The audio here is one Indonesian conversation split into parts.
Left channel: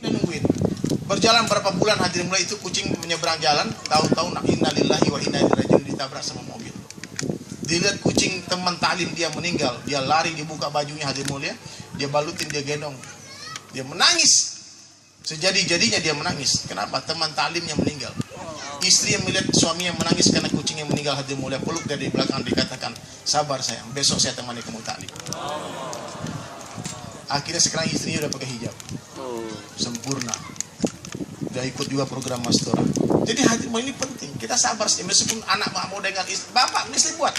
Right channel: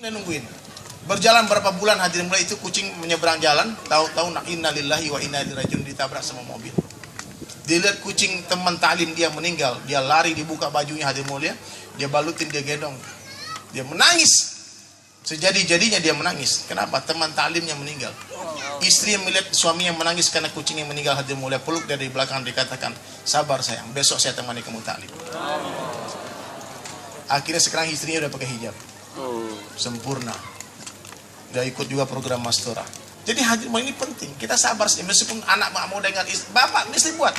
Nungguin. Berjalan berapa bulan hadirin mulai itu kucing menyeberang jalan, tahu-tahu innalillahi wa inna ilaihi rajiun ditabrak sama mobil. Dilihat kucing teman taklim dia meninggal, dia lari dibuka bajunya hadirin mulia, dia balutin, dia gendong. Dia menangis. Sejadi-jadinya dia menangis. Kenapa? Teman taklimnya meninggal. Istri yang melihat suami yang menangis karena kucing yang meninggal hadirin mulia, peluk dari belakang dikatakan, "Sabar sayang, besok saya temani kamu taklim." Akhirnya sekarang istrinya udah pakai hijab. Sempurna. Udah ikut juga program Mastora. Jadi hadirin ini penting. Kita sabar sih, meskipun anak mau dengan istri, bapak mesti buat.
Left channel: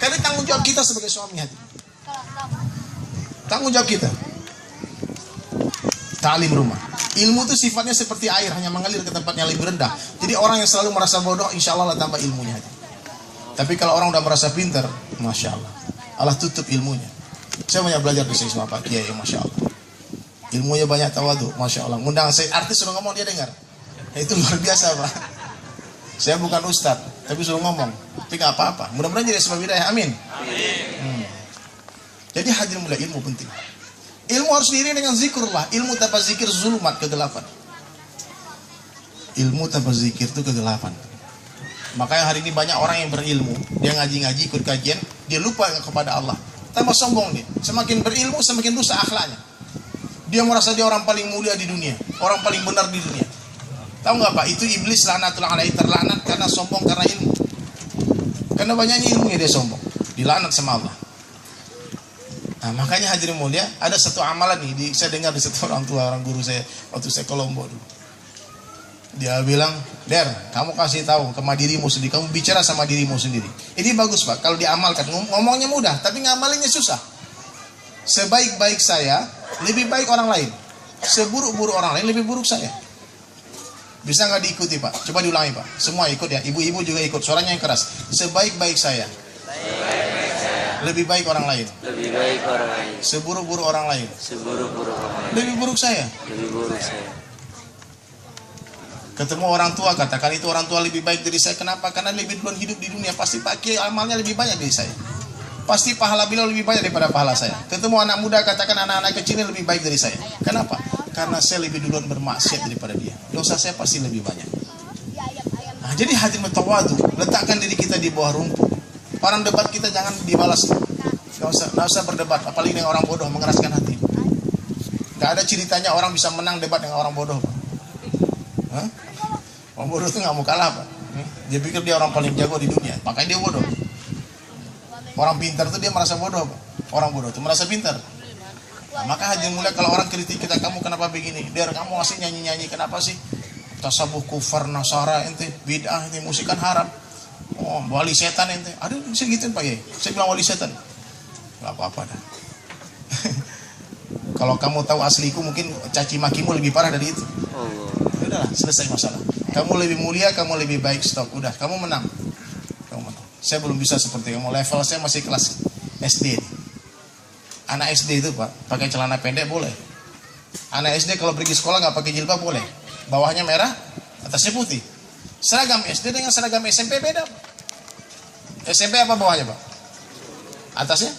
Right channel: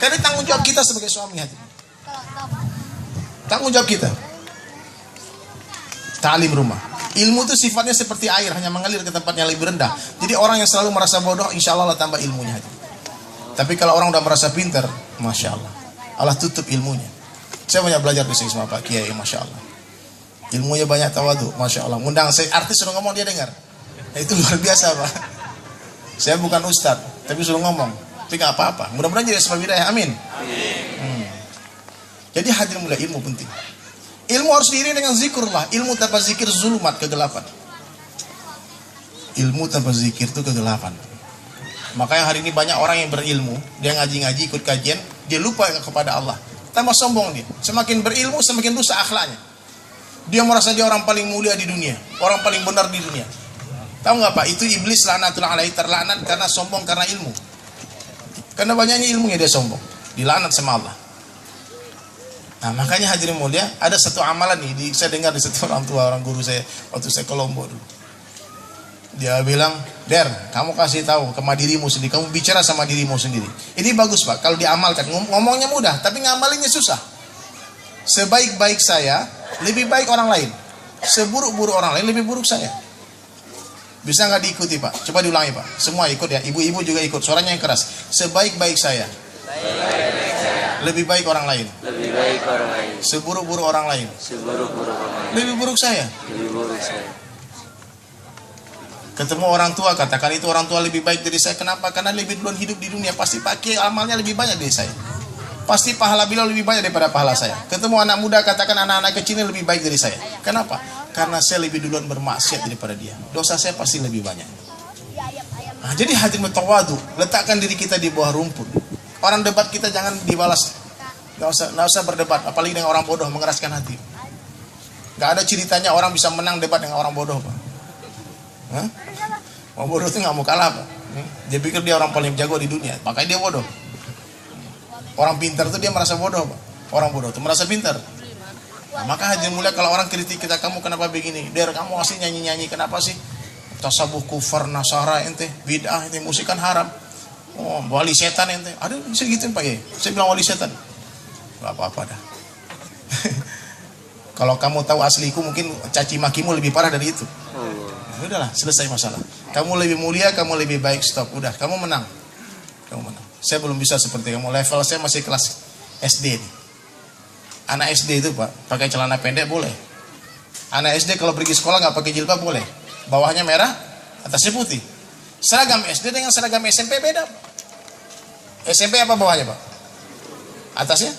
Karena tanggung jawab kita sebagai suami hadirin. Tanggung jawab kita. Ta'lim rumah. Ilmu itu sifatnya seperti air, hanya mengalir ke tempat yang lebih rendah. Jadi orang yang selalu merasa bodoh, insya Allah tambah ilmunya. Tapi kalau orang udah merasa pintar, masya Allah, Allah tutup ilmunya. Saya banyak belajar di sini sama Pak Kiai, masya Allah. Ilmunya banyak tawadu, masya Allah. Undang saya artis suruh ngomong dia dengar. Itu luar biasa Pak. Saya bukan ustad, tapi suruh ngomong. Tapi nggak apa-apa. Mudah-mudahan jadi sebab hidayah. Amin. Jadi hadirin mulai ilmu penting. Ilmu harus diiringi dengan zikrullah. Ilmu tanpa zikir zulumat, kegelapan. Ilmu tanpa zikir itu kegelapan. Makanya hari ini banyak orang yang berilmu, dia ngaji-ngaji, ikut kajian, dia lupa kepada Allah. Tambah sombong dia. Semakin berilmu, semakin rusak akhlaknya. Dia merasa dia orang paling mulia di dunia, orang paling benar di dunia. Tahu nggak Pak? Itu iblis laknatullah alaihi, terlaknat karena sombong karena ilmu. Karena banyaknya ilmunya dia sombong, dilaknat sama Allah. Nah, makanya hadirin mulia, ada satu amalan nih, saya dengar di satu orang tua, orang guru saya waktu saya ke Lombok dulu. Dia bilang, "Der, kamu kasih tahu ke dirimu sendiri, kamu bicara sama dirimu sendiri." Ini bagus Pak, kalau diamalkan, ngomongnya mudah, tapi ngamalinnya susah. Sebaik-baik saya, lebih baik orang lain. Seburuk-buruk orang lain, lebih buruk saya. Bisa nggak diikuti Pak? Coba diulangi Pak. Semua ikut ya, ibu-ibu juga ikut, suaranya yang keras. Sebaik-baik saya, lebih baik orang lain. Lebih baik orang lain. Seburuk-buruk orang lain. Seburuk-buruk orang lain. Lebih buruk saya. Lebih buruk saya. Ketemu orang tua, katakan itu orang tua lebih baik dari saya. Kenapa? Karena lebih duluan hidup di dunia. Pasti pakai amalnya lebih banyak dari saya. Pasti pahala beliau lebih banyak daripada pahala saya. Ketemu anak muda, katakan anak-anak kecilnya lebih baik dari saya. Kenapa? Karena saya lebih duluan bermaksiat daripada dia. Dosa saya pasti lebih banyak. Nah, jadi hati tawadu, letakkan diri kita di bawah rumput. Orang debat kita jangan dibalas. Gak usah berdebat, apalagi dengan orang bodoh, mengeraskan hati. Gak ada ceritanya orang bisa menang debat dengan orang bodoh Pak. Orang bodoh itu gak mau kalah Pak. Dia pikir dia orang paling jago di dunia, makanya dia bodoh. Orang pintar itu dia merasa bodoh Pak. Orang bodoh itu merasa pintar. Nah, maka hadirin mulia, kalau orang kritik kita, "Kamu kenapa begini? Der, kamu ngasih nyanyi-nyanyi, kenapa sih? Tasawuf kufar nasara ente, bid'ah ente, musik kan haram. Oh, wali setan ente." Ada bisa gituin Pak ya? Saya bilang wali setan. Gak apa-apa dah. Kalau kamu tahu asliku, mungkin caci makimu lebih parah dari itu. Udahlah, selesai masalah. Kamu lebih mulia, kamu lebih baik, stop. Udah, kamu menang. Kamu menang. Saya belum bisa seperti kamu. Level saya masih kelas SD. Anak SD itu Pak, pakai celana pendek boleh. Anak SD kalau pergi sekolah nggak pakai jilbab boleh. Bawahnya merah, atasnya putih. Seragam SD dengan seragam SMP beda. SMP apa bawahnya Pak? Atasnya?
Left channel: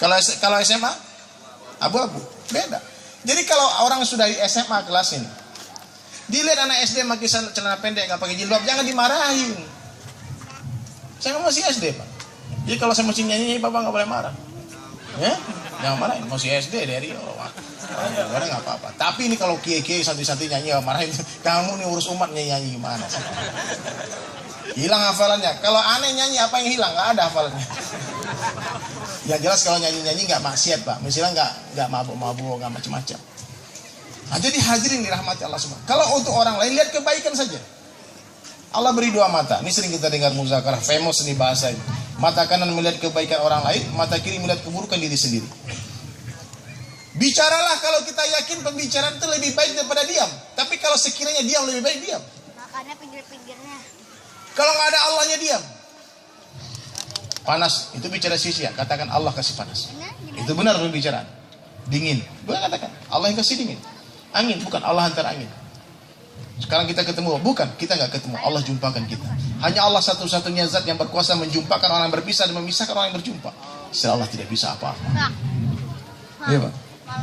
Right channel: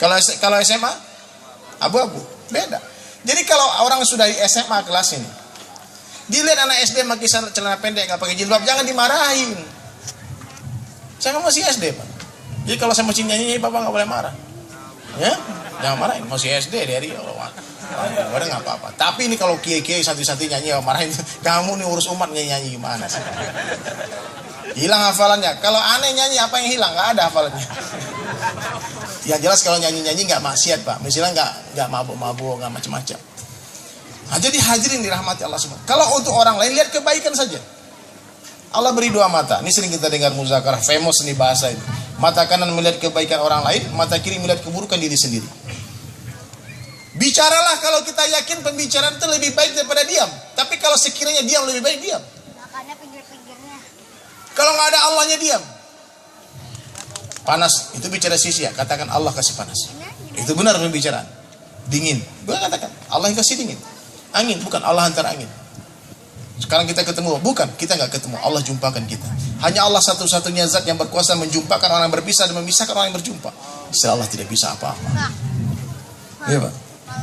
Kalau SMA abu-abu, beda. Jadi kalau orang sudah di SMA kelas ini, dilihat anak SD pakai celana pendek nggak pakai jilbab, jangan dimarahin. Saya masih SD Pak. Jadi kalau saya masih nyanyi, Bapak nggak boleh marah. Ya, jangan marahin. Masih SD dari Allah. Orang nggak apa-apa. Tapi ini kalau kiai-kiai santai-santai nyanyi, marahin. Kamu nih urus umat nyanyi gimana sih? Hilang hafalannya. Kalau aneh nyanyi apa yang hilang? Nggak ada hafalannya. Yang jelas kalau nyanyi-nyanyi nggak maksiat Pak. Misalnya nggak mabuk-mabuk, nggak macam-macam. Nah, jadi hadirin dirahmati Allah semua. Kalau untuk orang lain lihat kebaikan saja. Allah beri dua mata. Ini sering kita dengar muzakarah, famous nih bahasa ini. Mata kanan melihat kebaikan orang lain, mata kiri melihat keburukan diri sendiri. Bicaralah kalau kita yakin pembicaraan itu lebih baik daripada diam. Tapi kalau sekiranya diam lebih baik diam. Makanya pinggir-pinggirnya. Kalau nggak ada Allahnya diam. Panas, itu bicara sisi ya. Katakan Allah kasih panas. Itu benar pembicaraan. Dingin, gue katakan Allah yang kasih dingin. Angin, bukan Allah hantar angin. Sekarang kita ketemu, bukan, kita nggak ketemu, Allah jumpakan kita. Hanya Allah satu-satunya zat yang berkuasa menjumpakan orang yang berpisah dan memisahkan orang yang berjumpa. Setelah Allah tidak bisa apa-apa. Iya Pak.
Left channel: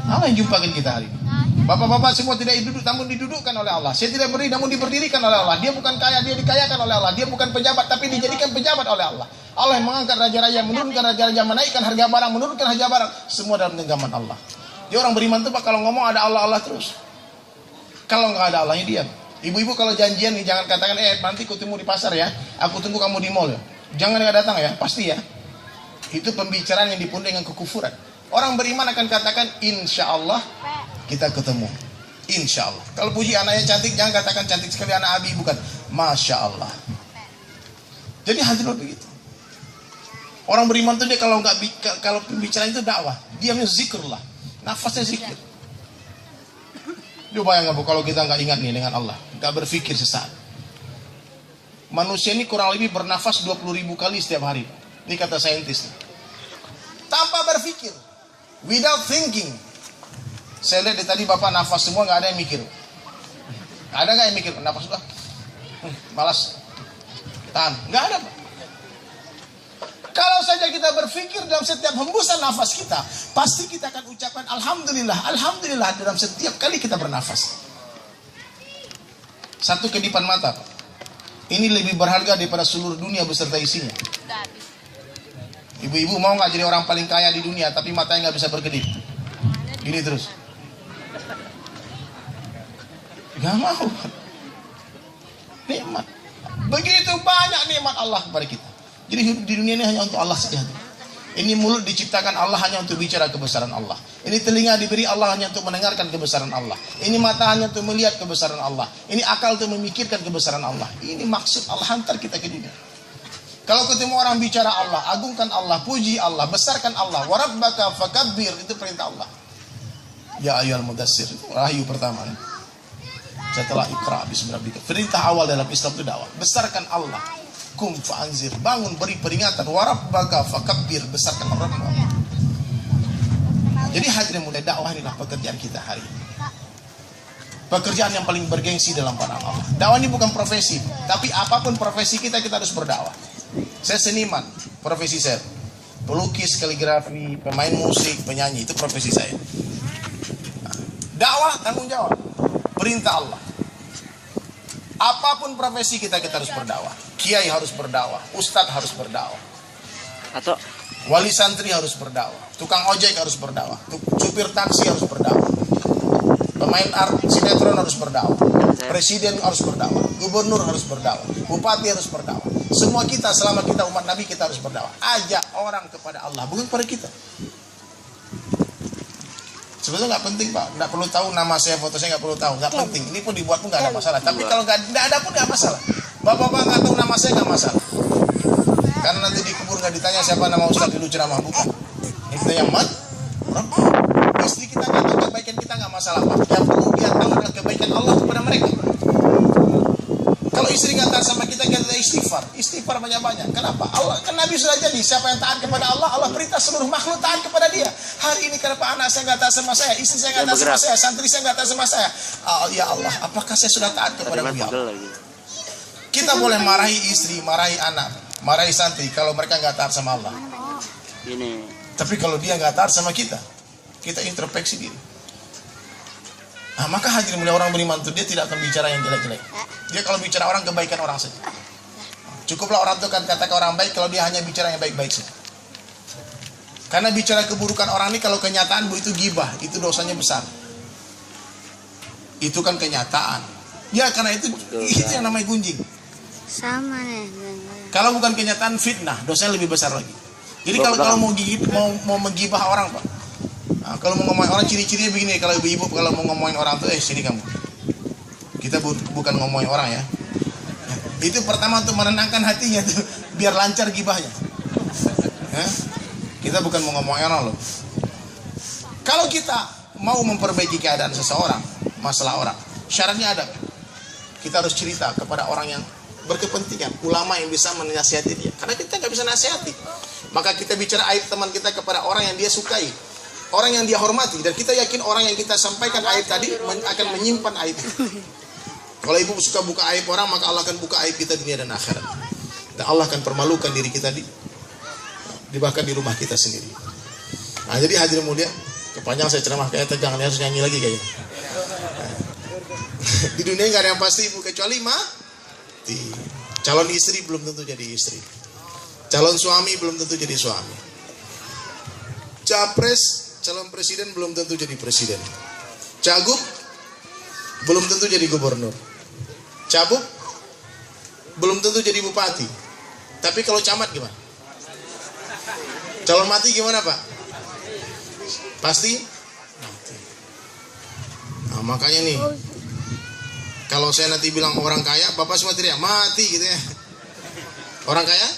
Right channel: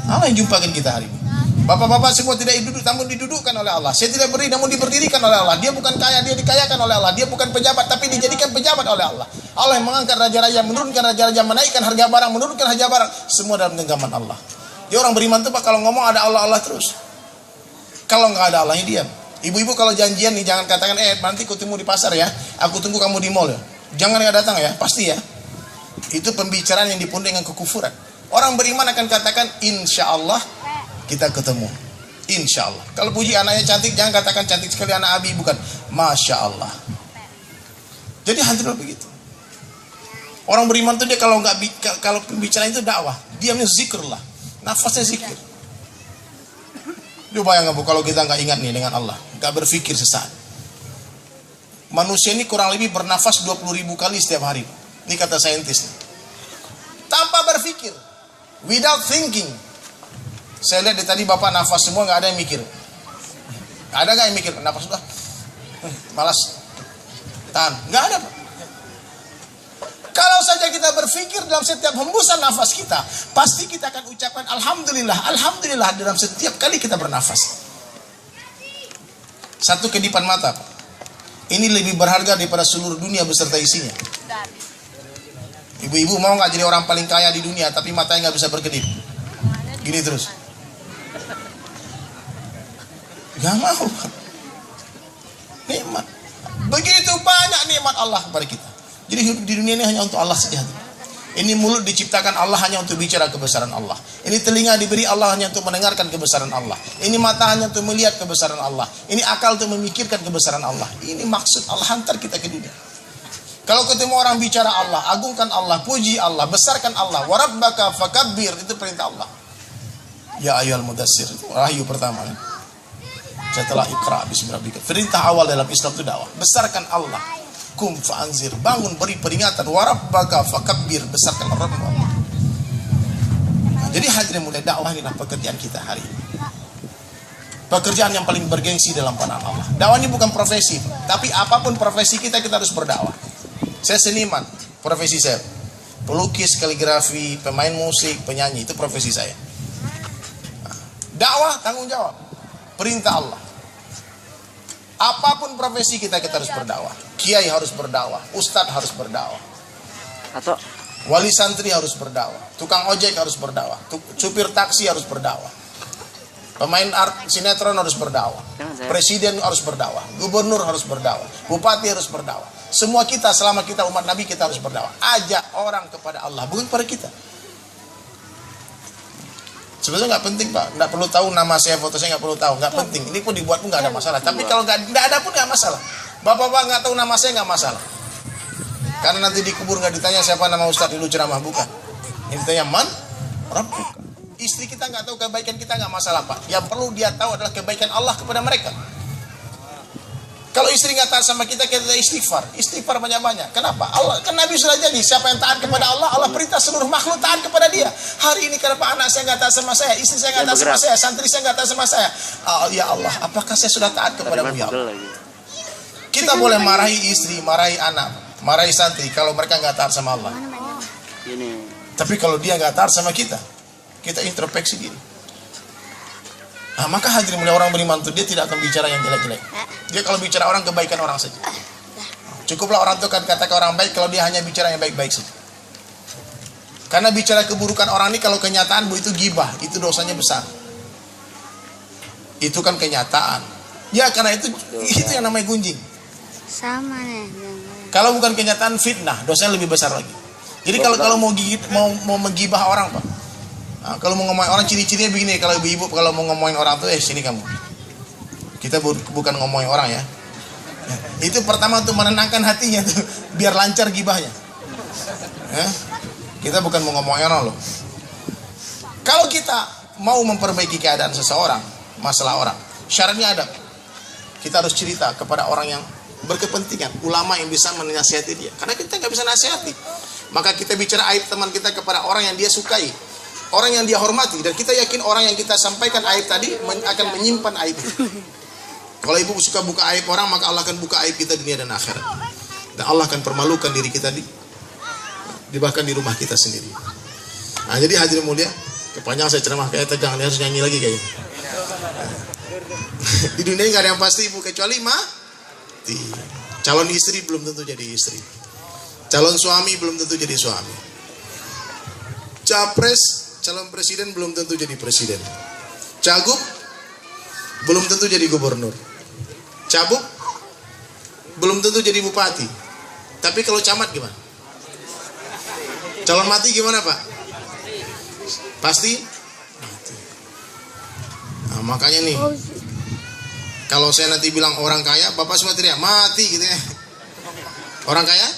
Allah yang jumpakan kita hari ini. Bapak-bapak semua tidak duduk namun didudukkan oleh Allah. Saya tidak berdiri namun diberdirikan oleh Allah. Dia bukan kaya, dia dikayakan oleh Allah. Dia bukan pejabat tapi dijadikan pejabat oleh Allah. Allah yang mengangkat raja-raja, menurunkan raja-raja, menaikkan harga barang, menurunkan harga barang, semua dalam genggaman Allah. Dia orang beriman tuh Pak kalau ngomong ada Allah terus. Kalau nggak ada Allahnya diam. Ibu-ibu kalau janjian nih jangan katakan nanti ketemu di pasar ya. Aku tunggu kamu di mall ya. Jangan nggak datang ya, pasti ya. Itu pembicaraan yang dipenuhi dengan kekufuran. Orang beriman akan katakan insya Allah kita ketemu. Insya Allah. Kalau puji anaknya cantik jangan katakan cantik sekali anak Abi, bukan. Masya Allah. Jadi hadirin begitu. Orang beriman itu dia kalau pembicaraan itu dakwah, diamnya zikrullah, nafasnya zikir. Lu bayangkan Bu kalau kita nggak ingat nih dengan Allah, nggak berpikir sesaat. Manusia ini kurang lebih bernafas 20.000 kali setiap hari. Ini kata saintis. Tanpa berpikir, without thinking. Saya lihat dari tadi Bapak nafas semua nggak ada yang mikir. Ada nggak yang mikir? Nafas sudah, malas, tahan, nggak ada Pak. Kalau saja kita berpikir dalam setiap hembusan nafas kita, pasti kita akan ucapkan Alhamdulillah, Alhamdulillah dalam setiap kali kita bernafas. Satu kedipan mata Pak. Ini lebih berharga daripada seluruh dunia beserta isinya. Ibu-ibu mau nggak jadi orang paling kaya di dunia tapi matanya nggak bisa berkedip? Gini terus. Gak mau. Nikmat. Begitu banyak nikmat Allah kepada kita. Jadi hidup di dunia ini hanya untuk Allah saja. Ini mulut diciptakan Allah hanya untuk bicara kebesaran Allah. Ini telinga diberi Allah hanya untuk mendengarkan kebesaran Allah. Ini mata hanya untuk melihat kebesaran Allah. Ini akal untuk memikirkan kebesaran Allah. Ini maksud Allah hantar kita ke dunia. Kalau ketemu orang bicara Allah, agungkan Allah, puji Allah, besarkan Allah. Warabbaka fakabbir, itu perintah Allah. Ya ayyuhal mudassir, itu wahyu pertama. Setelah Iqra bismillahirrahmanirrahim. Perintah awal dalam Islam itu dakwah. Besarkan Allah. Kum fa'anzir, bangun beri peringatan. Warabbaka fakabbir, besarkan Rabb. Nah, jadi hadirin mulai dakwah inilah pekerjaan kita hari ini. Pekerjaan yang paling bergengsi dalam pandangan Allah. Dakwah ini bukan profesi, tapi apapun profesi kita harus berdakwah. Saya seniman, profesi saya. Pelukis, kaligrafi, pemain musik, penyanyi, itu profesi saya. Nah, dakwah tanggung jawab. Perintah Allah. Apapun profesi kita harus berdakwah. Kiai harus berdakwah, ustadz harus berdakwah. Atau Wali santri harus berdakwah. Tukang ojek harus berdakwah. Supir taksi harus berdakwah. Pemain sinetron harus berdakwah. Presiden harus berdakwah. Gubernur harus berdakwah. Bupati harus berdakwah. Semua kita selama kita umat Nabi kita harus berdakwah. Ajak orang kepada Allah, bukan kepada kita. Sebenarnya nggak penting Pak, nggak perlu tahu nama saya, foto saya nggak perlu tahu, nggak penting. Ini pun dibuat pun nggak ada masalah. Tapi kalau nggak ada pun nggak masalah. Bapak-bapak nggak tahu nama saya nggak masalah. Karena nanti dikubur nggak ditanya siapa nama Ustadz dulu ceramah, bukan. Itu yang istri kita nggak tahu kebaikan kita nggak masalah Pak. Yang perlu dia tahu adalah kebaikan Allah kepada mereka. Kalau istri nggak taat sama kita istighfar banyak-banyak. Kenapa? Allah kan Nabi sudah jadi siapa yang taat kepada Allah, Allah perintah seluruh makhluk taat kepada Dia. Hari ini kenapa anak saya nggak taat sama saya, istri saya nggak taat sama saya, santri saya nggak taat sama saya? Ya Allah, apakah saya sudah taat kepada-Mu ya Allah? Kita boleh marahi istri, marahi anak, marahi santri kalau mereka nggak taat sama Allah. Tapi kalau dia nggak taat sama kita introspeksi diri. Maka hadirin mulia orang beriman itu dia tidak akan bicara yang jelek-jelek. Dia kalau bicara orang kebaikan orang saja. Cukuplah orang itu kan katakan orang baik kalau dia hanya bicara yang baik-baik saja. Karena bicara keburukan orang ini kalau kenyataan itu gibah, itu dosanya besar. Itu kan kenyataan. Ya karena itu yang namanya gunjing. Sama nih. Kalau bukan kenyataan fitnah, dosanya lebih besar lagi. Jadi kalau mau menggibah orang Pak. Kalau mau ngomongin orang ciri-cirinya begini, kalau ibu-ibu kalau mau ngomongin orang tuh sini kamu. Kita bukan ngomongin orang ya. Itu pertama tuh menenangkan hatinya tuh biar lancar gibahnya. Kita bukan mau ngomongin orang loh. Kalau kita mau memperbaiki keadaan seseorang, masalah orang, syaratnya ada. Kita harus cerita kepada orang yang berkepentingan, ulama yang bisa menasihati dia. Karena kita nggak bisa nasihati. Maka kita bicara aib teman kita kepada orang yang dia sukai. Orang yang dia hormati, dan kita yakin orang yang kita sampaikan aib tadi akan menyimpan aib. Kalau ibu suka buka aib orang, maka Allah akan buka aib kita dunia dan akhirat. Dan Allah akan permalukan diri kita bahkan di rumah kita sendiri. Nah jadi hadirin mulia, kepanjang saya ceramah kayak tegang, harus nyanyi lagi kayaknya. Di dunia nggak ada yang pasti ibu kecuali mati. Calon istri belum tentu jadi istri. Calon suami belum tentu jadi suami. Capres, calon presiden belum tentu jadi presiden. Cagup belum tentu jadi gubernur. Cabuk belum tentu jadi bupati. Tapi kalau camat gimana? Calon mati gimana Pak? Pasti mati. Nah, makanya nih, kalau saya nanti bilang orang kaya, Bapak semua teriak mati gitu ya. Orang kaya?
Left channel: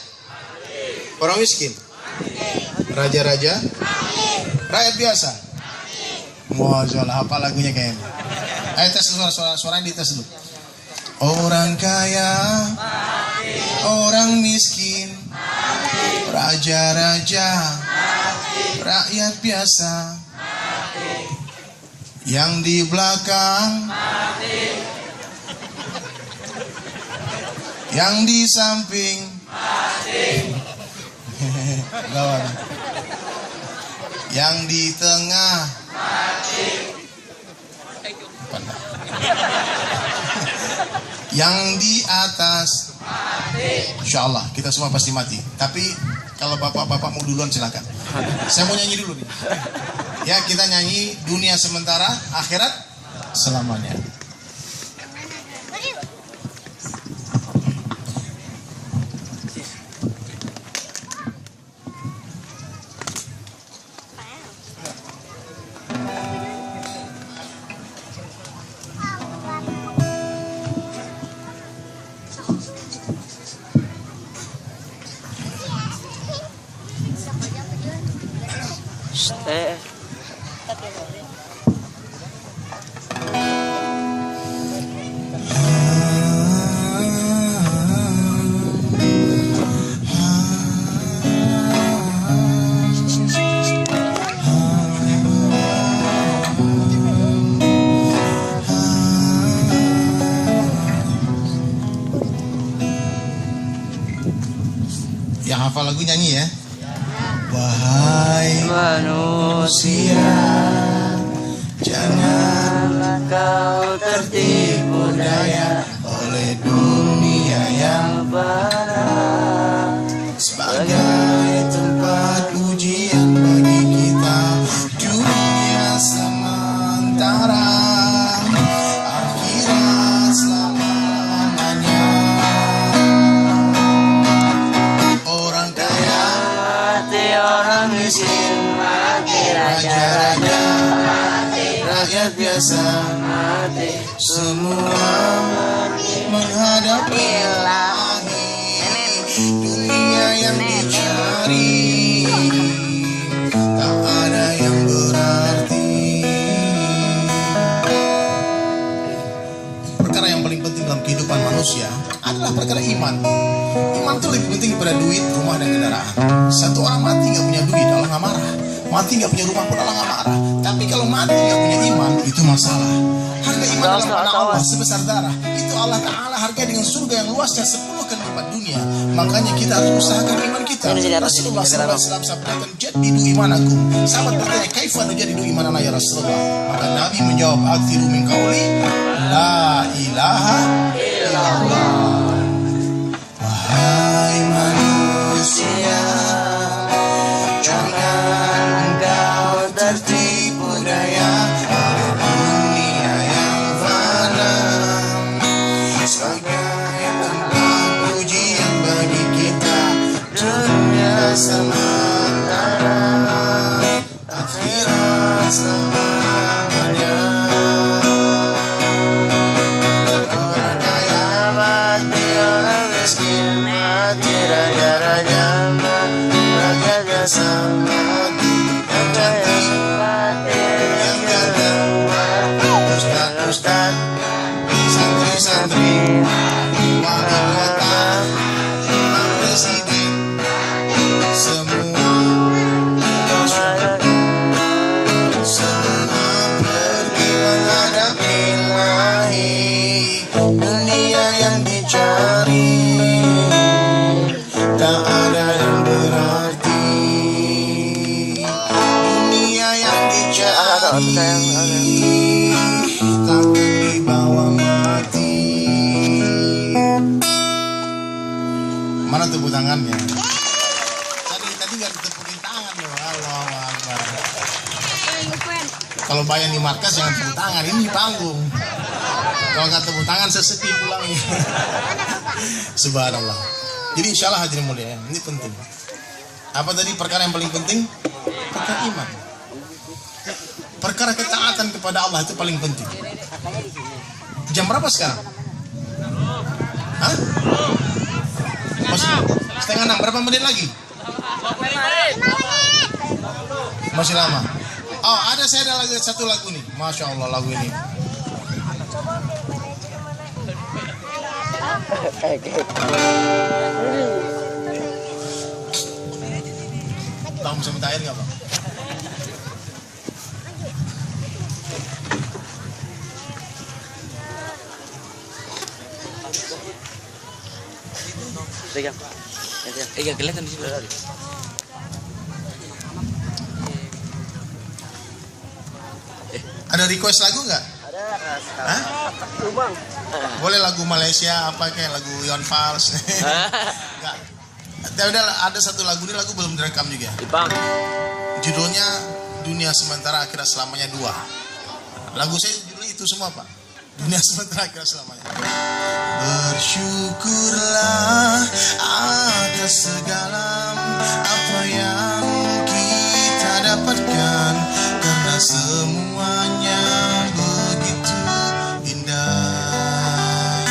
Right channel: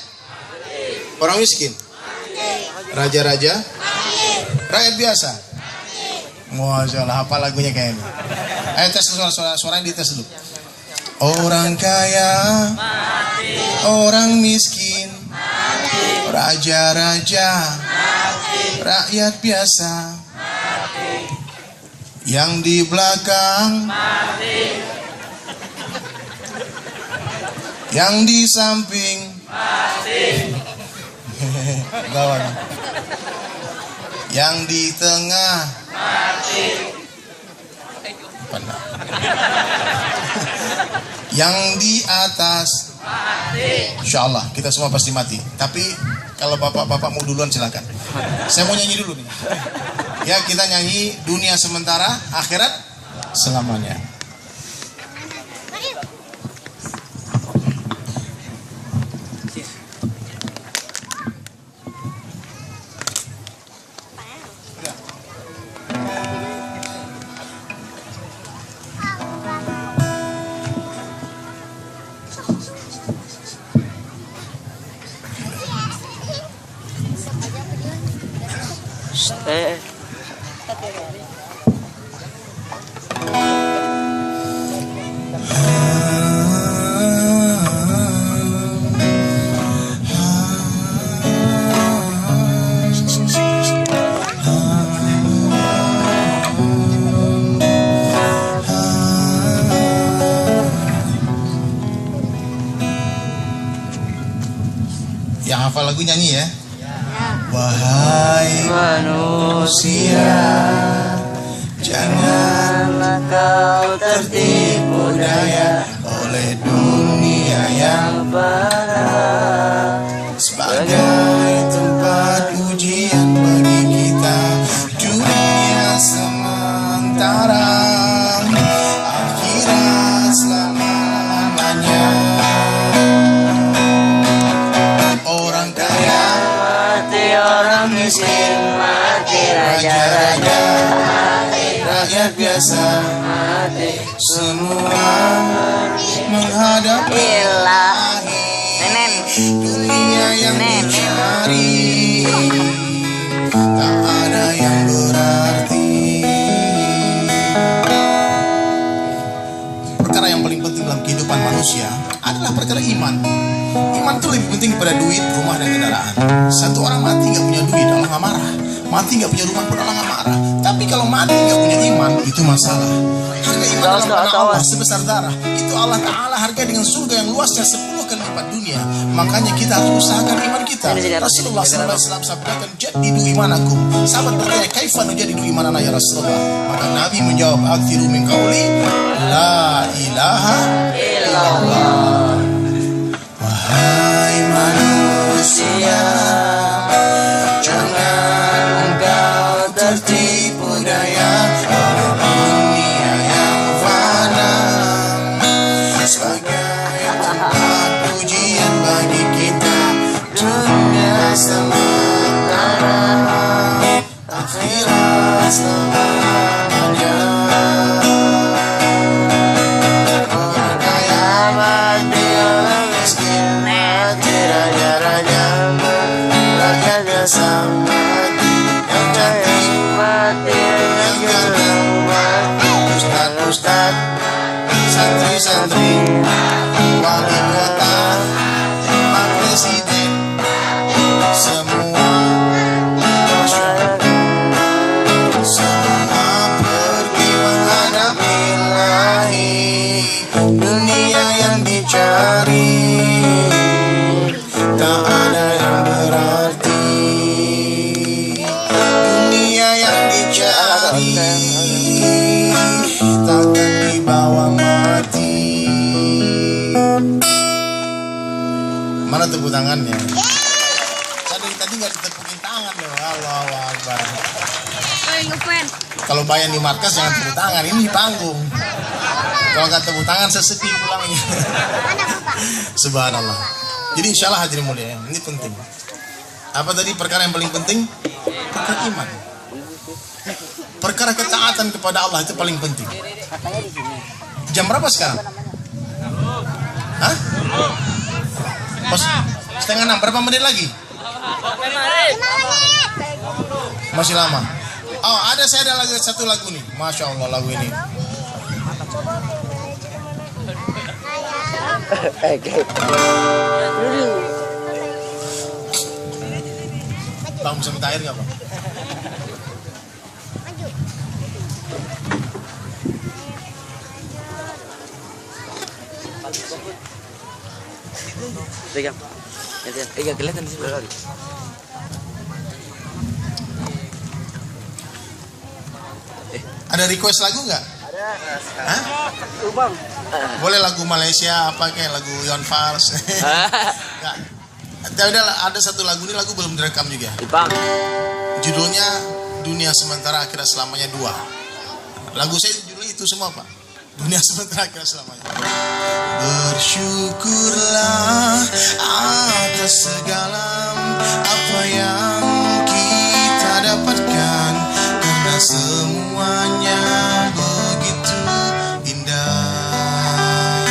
Orang miskin? Raja-raja? Rakyat biasa? Masya Allah, apa lagunya kayaknya? Ayo tes suaranya dites dulu. Orang kaya, orang miskin, raja-raja, rakyat biasa, yang di belakang, yang di samping, gawat, yang di tengah, yang di atas. Insya Allah kita semua pasti mati. Tapi kalau bapak-bapak mau duluan silakan. Saya mau nyanyi dulu nih. Ya, kita nyanyi dunia sementara, akhirat selamanya. Yang hafal lagu nyanyi ya. Wahai manusia, janganlah kau tertipu daya oleh dunia yang berat sebagai tempat ujian bagi kita. Dunia sementara, akhirat selama-lamanya. Orang kaya mati, orang miskin mati, raja-raja mati, rakyat biasa mati, semua menghadap ilahi. Dunia yang dicari tak ada yang berarti. Perkara yang paling penting dalam kehidupan manusia adalah perkara iman. Iman itu lebih penting daripada duit, rumah, dan kendaraan. Satu orang mati nggak punya duit, Allah nggak marah. Mati nggak punya rumah pun Allah nggak marah. Tapi kalau mati nggak punya iman, itu masalah. Harga iman dalam pandangan Allah sebesar darah. Itu Allah Ta'ala harga dengan surga yang luasnya 10 kali lipat dunia. Makanya kita harus usahakan iman kita. Rasulullah SAW sabdakan, jadidu imanakum. Sahabat bertanya, kaifa nujadidu imanana ya Rasulullah? Maka Nabi menjawab, akthiru min qauli la ilaha illallah. Wahai manusia, jangan kau tertipu daya oleh dunia yang fana sebagai tempat ujian bagi kita. Dunia sementara, akhirat selamanya. Orang kaya mati, orang miskin mati, raja-raja mati, rakyat biasa mati, yang kaya mati, yang jarang mati, ustaz, santri-santri, wakil kota, pak presiden, semua pergi menghadap ilahi. Dunia yang dicari tak ada yang berarti. Dunia yang dicari takkan dibawa tepuk tangannya. Saya dari tadi nggak ditepukin tangan loh. Allahu Akbar. Kalau bayang di markas jangan tepuk tangan, ini panggung. Kalau nggak tepuk tangan sesepi pulangnya. Subhanallah. Jadi insya Allah hadirin mulia, ini penting. Apa tadi perkara yang paling penting? Perkara iman. Perkara ketaatan kepada Allah itu paling penting. Jam berapa sekarang? Hah? Setengah 6. Berapa menit lagi? Masih lama. Oh, saya ada lagi satu lagu nih. Masya Allah lagu ini. Bang, bisa minta air nggak, Bang? Pegang. Iya, kelihatan di sini. Ada request lagu nggak? Ada. Hah? Bang. Boleh lagu Malaysia apa kayak lagu Yon Fals? Enggak. Ada satu lagu ini lagu belum direkam juga. Bang. Judulnya Dunia Sementara Akhirat Selamanya 2. Lagu saya judulnya itu semua, Pak. Dunia Sementara Akhirat Selamanya. Bersyukurlah atas segala apa yang kita dapatkan, karena semuanya begitu indah.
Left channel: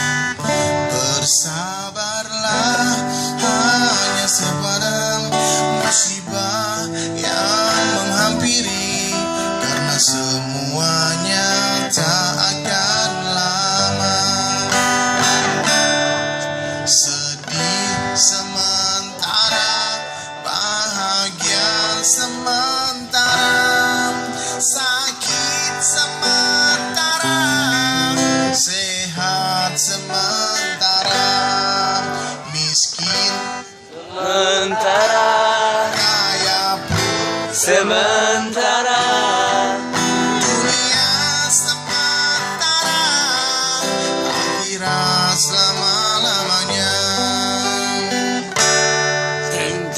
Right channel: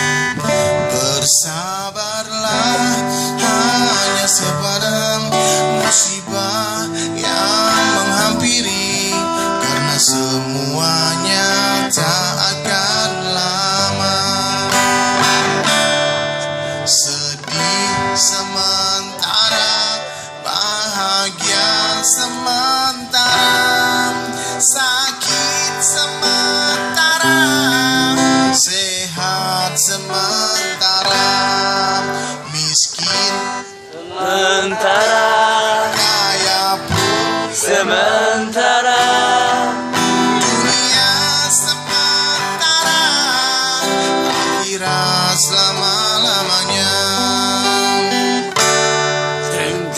Bersabarlah hanya sepadam musibah yang menghampiri, karena semuanya tak akan lama. Sedih sementara, bahagia sementara, sakit sementara, sehat sementara, miskin Sementara. kaya pun Sementara. dunia sementara, akhirat selama-lamanya.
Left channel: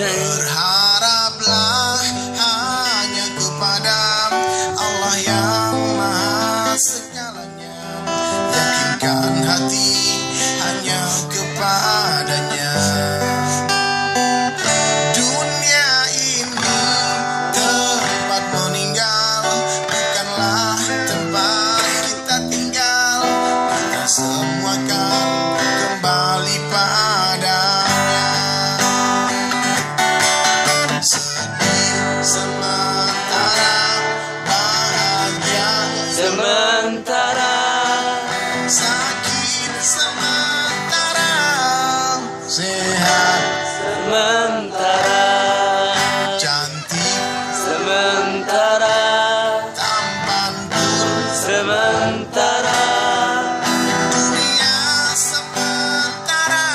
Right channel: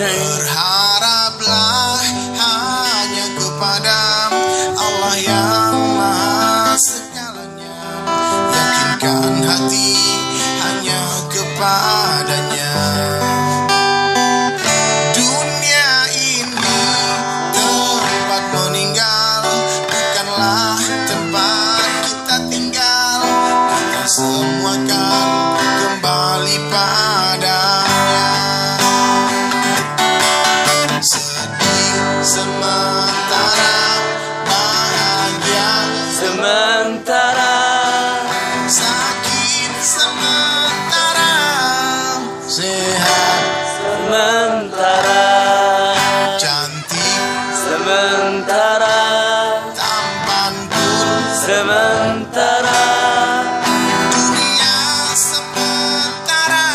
Berharaplah hanya kepada Allah yang Maha Segalanya. Yakinkan hati hanya kepadanya. Dunia ini tempat meninggal, bukanlah tempat kita tinggal. Kita semua kan kembali padanya. Sedih sementara, bahagia Sementara. sakit sementara, sehat Sementara. cantik Sementara. tampan pun, Sementara. dunia sementara,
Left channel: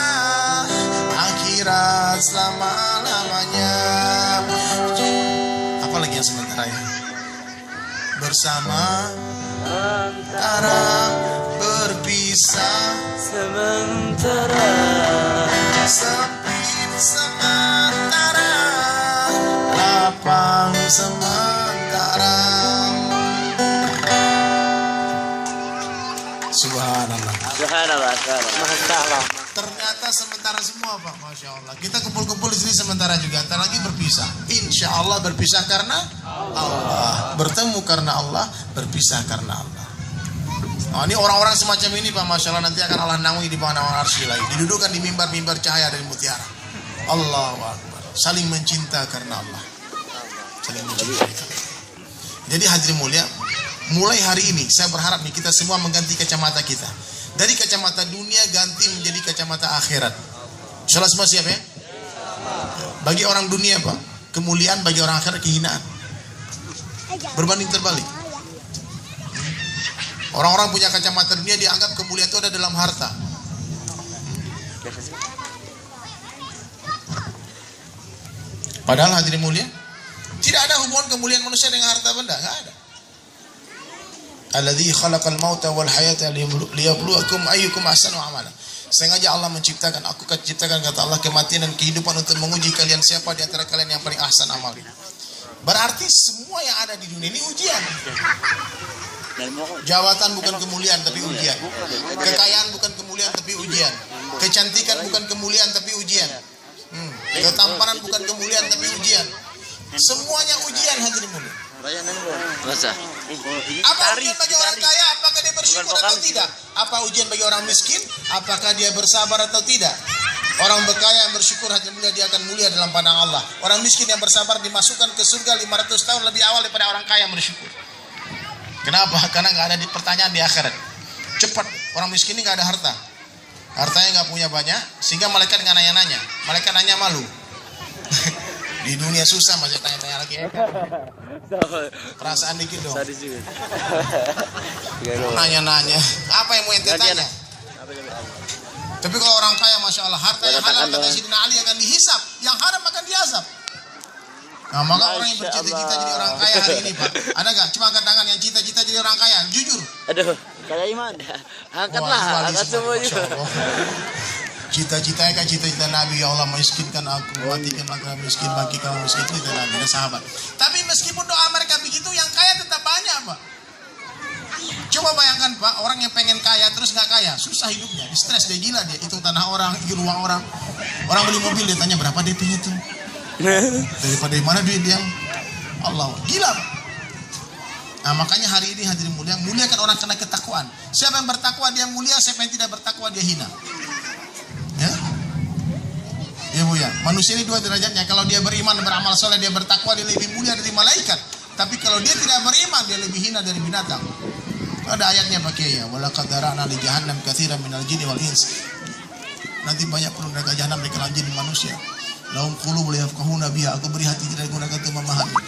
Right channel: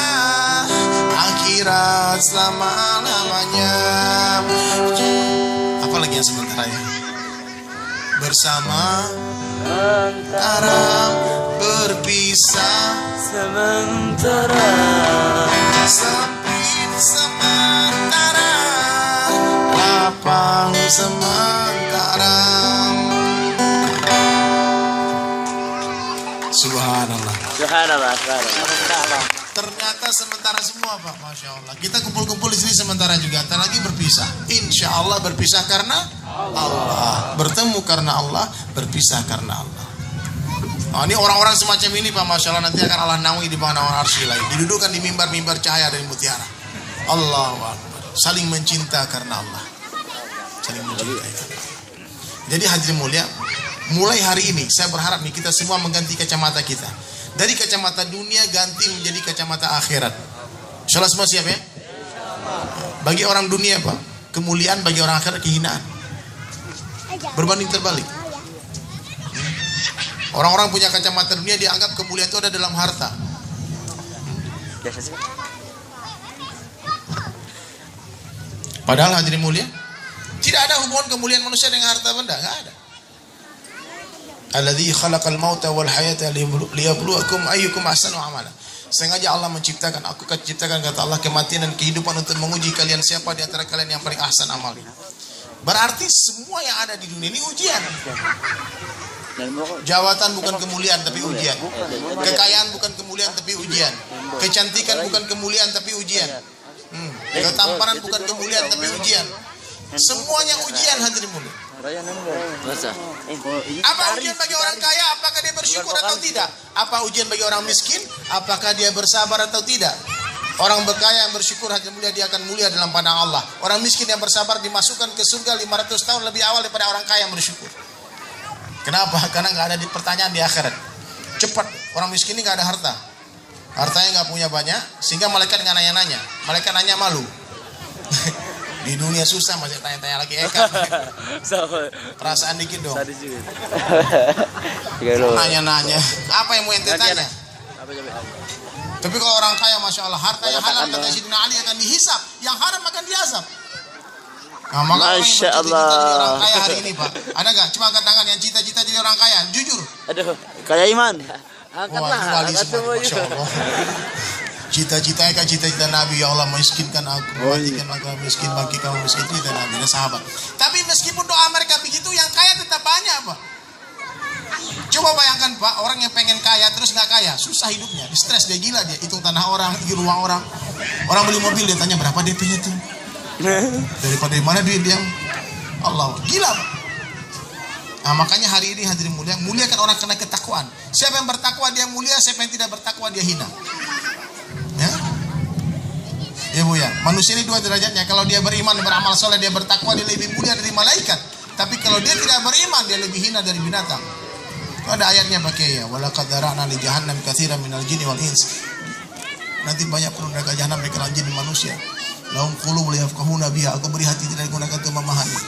akhirat selama-lamanya. Apa lagi yang sementara ya? Bersama antara, berpisah Sementara. sempit sementara, lapang sementara. Subhanallah. Subhanallah. Subhanallah. Ternyata sementara semua, Pak. Masya Allah. Kita kumpul-kumpul di sini sementara juga. Ntar lagi berpisah. Insya Allah berpisah karena Allah. Bertemu karena Allah. Berpisah karena Allah. Nah, ini orang-orang semacam ini, Pak. Masya Allah. Nanti akan Allah naungi di bawah naungan arsy lagi. Didudukkan di mimbar-mimbar cahaya dari mutiara. Allahu Akbar. Saling mencinta karena Allah. Saling mencintai karena Allah. Jadi hadirin mulia, mulai hari ini saya berharap nih kita semua mengganti kacamata kita. Dari kacamata dunia ganti menjadi kacamata akhirat. Insyaallah semua siap ya? Bagi orang dunia, Pak, kemuliaan, bagi orang akhirat kehinaan. Berbanding terbalik. Orang-orang punya kacamata dunia dianggap kemuliaan itu ada dalam harta. Padahal hadirin mulia, tidak ada hubungan kemuliaan manusia dengan harta benda, nggak ada. Alladzi khalaqal mauta wal hayata liyabluwakum ayyukum ahsanu amala. Sengaja Allah menciptakan, aku ciptakan kata Allah kematian dan kehidupan untuk menguji kalian siapa di antara kalian yang paling ahsan amalnya. Berarti semua yang ada di dunia ini ujian. Jabatan bukan kemuliaan tapi ujian. Kekayaan bukan kemuliaan tapi ujian. Kecantikan bukan kemuliaan tapi ujian. Ketampanan bukan kemuliaan tapi ujian. Semuanya ujian hadirin mulia. Masa? Apa ujian bagi orang kaya? Apakah dia bersyukur atau tidak? Apa ujian bagi orang miskin? Apakah dia bersabar atau tidak? Orang berkaya yang bersyukur hadirin mulia dia akan mulia dalam pandang Allah. Orang miskin yang bersabar dimasukkan ke surga 500 tahun lebih awal daripada orang kaya yang bersyukur. Kenapa? Karena nggak ada di pertanyaan di akhirat. Cepat, orang miskin ini nggak ada harta. Hartanya nggak punya banyak, sehingga malaikat nggak nanya-nanya. Malaikat nanya malu. Di dunia susah masih tanya-tanya lagi. Perasaan dikit dong. Nanya-nanya. Apa yang mau ente tanya? Tapi kalau orang kaya, masya Allah, harta yang halal kata Sayyidina Ali akan dihisap, yang haram akan diazab. Nah, maka orang yang bercita-cita jadi orang kaya hari ini, Pak, ada nggak? Cuma angkat tangan yang cita-cita jadi orang kaya, jujur. Aduh, kaya iman. Angkatlah, angkat semua itu. Cita-citanya kan cita-cita Nabi, ya Allah miskinkan aku, matikan laki miskin, bangkitkan miskin, cita Nabi dan sahabat. Tapi meskipun doa mereka begitu, yang kaya tetap banyak, Pak. Coba bayangkan, Pak, orang yang pengen kaya terus nggak kaya, susah hidupnya, stres dia, gila dia, hitung tanah orang, hitung ruang orang. Orang beli mobil dia tanya berapa DP-nya tuh. Daripada mana duit dia, Allah, gila, Pak. Nah, makanya hari ini hadirin mulia, muliakan orang karena ketakwaan. Siapa yang bertakwa dia mulia, siapa yang tidak bertakwa dia hina. Ya, ya Bu ya. Manusia ini dua derajatnya. Kalau dia beriman dan beramal soleh, dia bertakwa, dia lebih mulia dari malaikat. Tapi kalau dia tidak beriman, dia lebih hina dari binatang. Ada ayatnya pakai ya. Walaqad dara'na li jahannam katsiran minal jinni wal ins. Nanti banyak penduduk jahanam dari kalangan jin dan manusia. Lahum qulubun la yafqahuna biha. Aku beri hati tidak digunakan untuk memahami.